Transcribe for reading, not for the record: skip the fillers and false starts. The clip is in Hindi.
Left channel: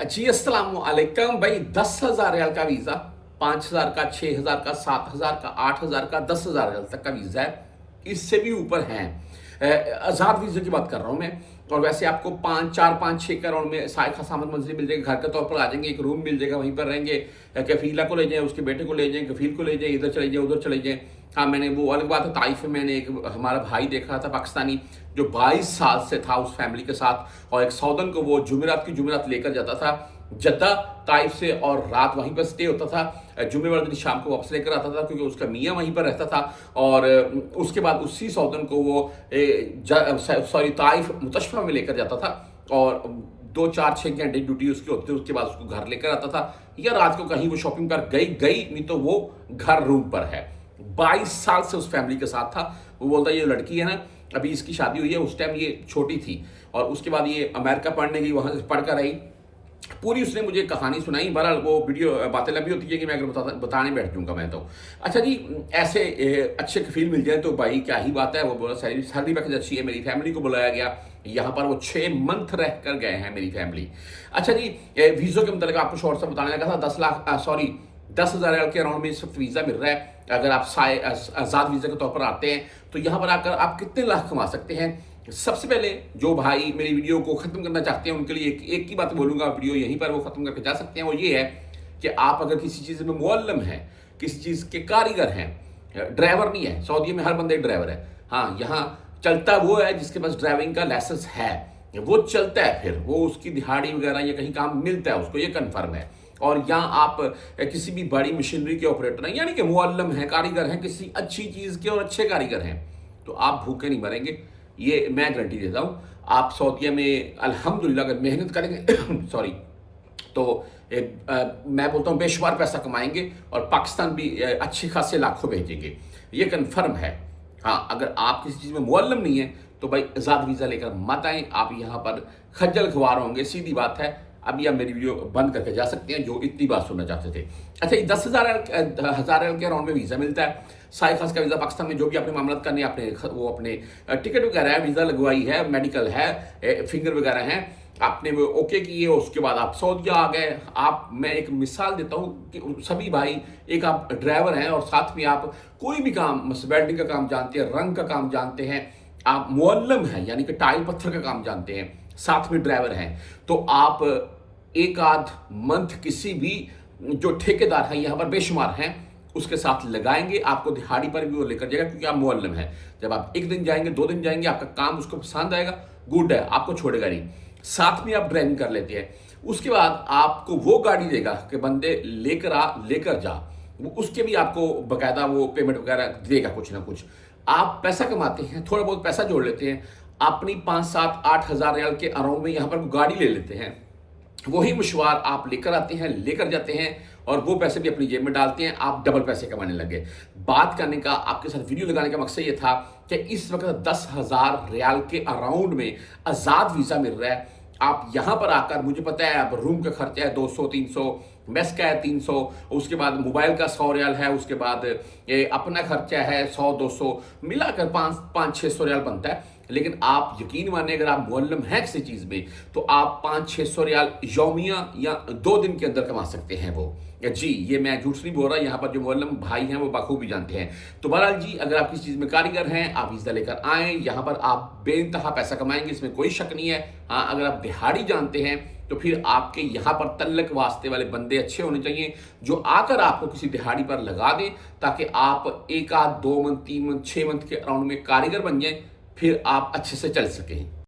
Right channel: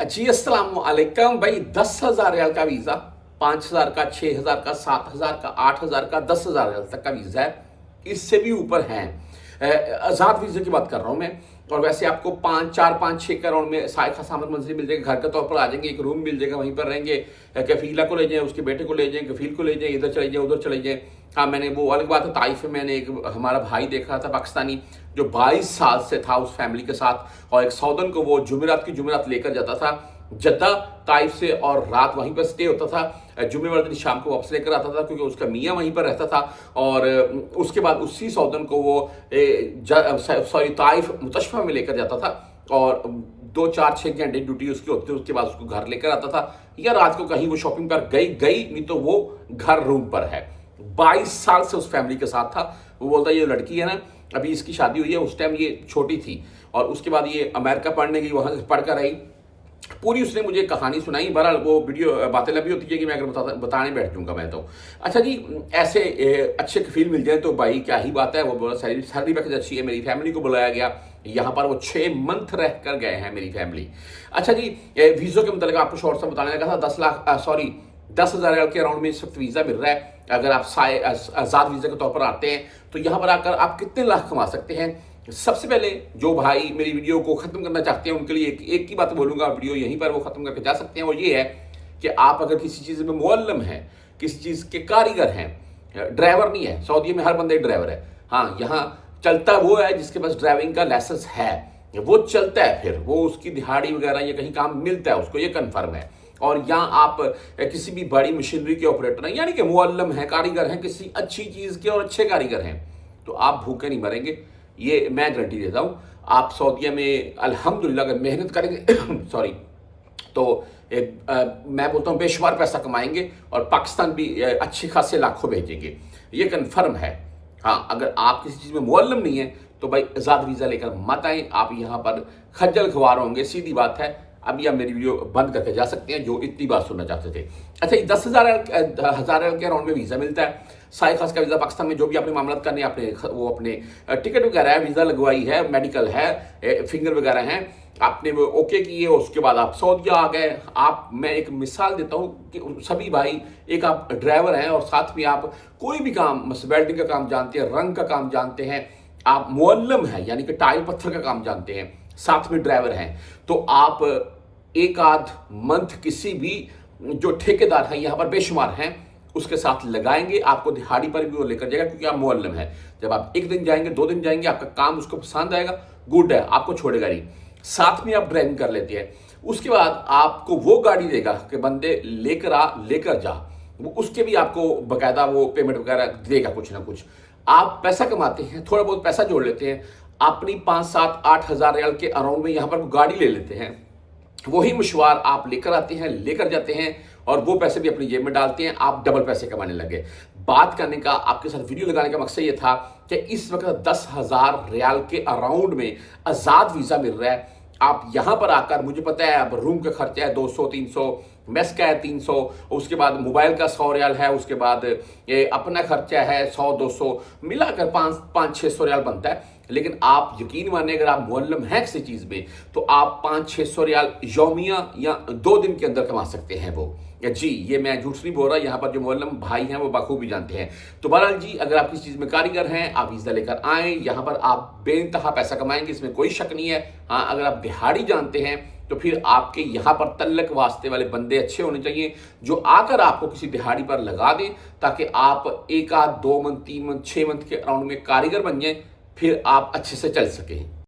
जी अस्सलाम वालेकुम भाई। 10,000 रियाल का वीज़ा, 5,000 का, 6,000 का, 7,000 का, 8,000 का, 10,000 रियाल तक का वीज़ा है। इससे भी ऊपर है। आज़ाद वीज़े की बात कर रहा हूँ मैं। और वैसे आपको 5, 4, 5, 6 करोड़ में साय सामत मंजिल मिल जाएगी, घर के तौर पर आ जाएंगे, एक रूम मिल जाएगा, वहीं पर रहेंगे। कफीला को ले जाएं, उसके बेटे को ले जाएं, कफील को ले जाएं, इधर चले जाएं, उधर चले जाएं। हाँ, मैंने वो अलग बात है, ताइफ में मैंने एक हमारा भाई देखा था पाकिस्तानी, जो 22 साल से था उस फैमिली के साथ, और एक सौदन को वो जुमेरात की जुमेरात लेकर जाता था जद्दा ताइफ से, और रात वहीं पर स्टे होता था। जुम्मे वाले दिन शाम को वापस लेकर आता था, क्योंकि उसका मियाँ वहीं पर रहता था। और उसके बाद उसी सौदन को वो ताइफ मुतशफा में लेकर जाता था, और 2, 4, 6 घंटे ड्यूटी उसकी होती थी। उसके बाद उसको घर लेकर आता था, या रात को कहीं वो शॉपिंग पर गई नहीं तो वो घर रूम पर है। 22 साल से उस फैमिली के साथ था। वो बोलता है ये लड़की है ना, अभी इसकी शादी हुई है, उस टाइम ये छोटी थी, और उसके बाद ये अमेरिका पढ़ने गई, वहां पढ़कर आई। पूरी उसने मुझे कहानी सुनाई। बहरहाल वो वीडियो बातें लंबी होती है कि मैं अगर बताने बैठ जाऊंगा मैं तो। अच्छा जी, ऐसे अच्छे कफील मिल जाए तो भाई क्या ही बात है। वो बोला सैलरी पैकेज अच्छी है, मेरी फैमिली को बुलाया गया यहाँ पर, वो 6 मंथ रह कर गए हैं मेरी फैमिली। अच्छा जी, वीज़ो के मतलब आपको शॉर्ट सा बताने लगा था। 10,000 रियाल के अराउंड में इस वक्त वीज़ा मिल रहा है। अगर आप आज़ाद वीज़ा के तौर पर आते हैं तो यहाँ पर आकर आप कितने लाख कमा सकते हैं। सबसे पहले जो भाई मेरी वीडियो को खत्म करना चाहते हैं उनके लिए एक ही बात बोलूंगा, वीडियो यहीं पर वो खत्म करके जा सकते हैं। और ये है कि आप अगर किसी चीज़ में मुअल्लिम हैं, किसी चीज़ के कारीगर हैं, ड्राइवर नहीं है, सऊदी में हर बंदे ड्राइवर है। हाँ, यहाँ चलता वो है जिसके पास ड्राइविंग का लाइसेंस है, वो चलता है, फिर वो उसकी दिहाड़ी वगैरह या कहीं काम मिलता है उसको, ये कन्फर्म है। और यहाँ आप किसी भी बड़ी मशीनरी के ऑपरेटर हैं, यानी कि मुअल्लिम हैं, कारीगर हैं, किसी अच्छी चीज़ के और अच्छे कारीगर हैं, तो आप भूखे नहीं मरेंगे, ये मैं गारंटी देता हूँ। आप सऊदीया में अल्हम्दुलिल्लाह अगर मेहनत करेंगे सॉरी, तो मैं बोलता हूँ बेशुमार पैसा कमाएंगे, और पाकिस्तान भी अच्छे खासे लाखों भेजेंगे, ये कन्फर्म है। हाँ, अगर आप किसी चीज़ में मुअल्लिम नहीं है तो भाई आज़ाद वीज़ा लेकर मत आएँ, आप यहाँ पर खज्जल खुआर होंगे, सीधी बात है। अभी आप मेरी वीडियो बंद करके जा सकते हैं जो इतनी बार सुनना चाहते थे। अच्छा, 10,000 के अराउंड में वीज़ा मिलता है। साय खास का वीज़ा पाकिस्तान में जो भी आपने मामला करने, आपने वो अपने टिकट वगैरह है, वीज़ा लगवाई है, मेडिकल है, फिंगर वगैरह हैं, आपने वो ओके किए, उसके बाद आप सऊदीया आ गए। आप, मैं एक मिसाल देता हूँ कि सभी भाई, एक आप ड्राइवर हैं और साथ में आप कोई भी काम, वेल्डिंग का काम जानते हैं, रंग का काम जानते हैं, आप मुअल्लिम हैं यानी कि टाइल पत्थर का काम जानते हैं, साथ में ड्राइवर हैं, तो आप एक आध मंथ किसी भी जो ठेकेदार है यहाँ पर बेशुमार हैं उसके साथ लगाएंगे, आपको दिहाड़ी पर भी वो लेकर जाएगा, क्योंकि आप मुअल्लिम हैं। जब आप 1 दिन जाएंगे, 2 दिन जाएंगे, आपका काम उसको पसंद आएगा, गुड है, आपको छोड़ेगा नहीं, साथ में आप ड्राइविंग कर लेते हैं। उसके बाद आपको वो गाड़ी देगा कि बंदे लेकर आ, लेकर जा, वो उसके भी आपको बकायदा वो पेमेंट वगैरह देगा कुछ ना कुछ। आप पैसा कमाते हैं, थोड़ा बहुत पैसा जोड़ लेते हैं, अपनी 5, 7, 8 हज़ार रियाल के अराउंड में यहाँ पर गाड़ी ले लेते हैं, वही मशवार आप लेकर आते हैं, लेकर जाते हैं, और वो पैसे भी अपनी जेब में डालते हैं, आप डबल पैसे कमाने लगे। बात करने का, आपके साथ वीडियो लगाने का मकसद ये था कि इस वक्त 10,000 रियाल के अराउंड में आज़ाद वीज़ा मिल रहा है। आप यहाँ पर आकर, मुझे पता है अब रूम का खर्चा है 200-300, मेस का है 300, उसके बाद मोबाइल का 100 रियाल है, उसके बाद ये अपना खर्चा है 100-200, मिलाकर 500-600 रियाल बनता है। लेकिन आप यकीन माने, अगर आप मुअल्लिम हैं किसी चीज़ में, तो आप 500-600 रियाल यौमिया या 2 दिन के अंदर कमा सकते हैं वो। जी, ये मैं झूठ नहीं बोल रहा, यहाँ पर जो मुअल्लिम भाई हैं वो बखूबी जानते हैं। तो बहरहाल जी, अगर आप किसी चीज़ में कारीगर हैं, आप वीज़ा लेकर आएँ, यहाँ पर आप बेइंतहा पैसा कमाएंगे, इसमें कोई शक नहीं है। हाँ, अगर आप दिहाड़ी जानते हैं तो फिर आपके यहाँ पर तल्लक वास्ते वाले बंदे अच्छे होने चाहिए, जो आकर आपको किसी दिहाड़ी पर लगा दें, ताकि आप 1 आध 2 मंथ, 3 मंथ, 6 मंथ के अराउंड में कारीगर बन जाएं, फिर आप अच्छे से चल सकें।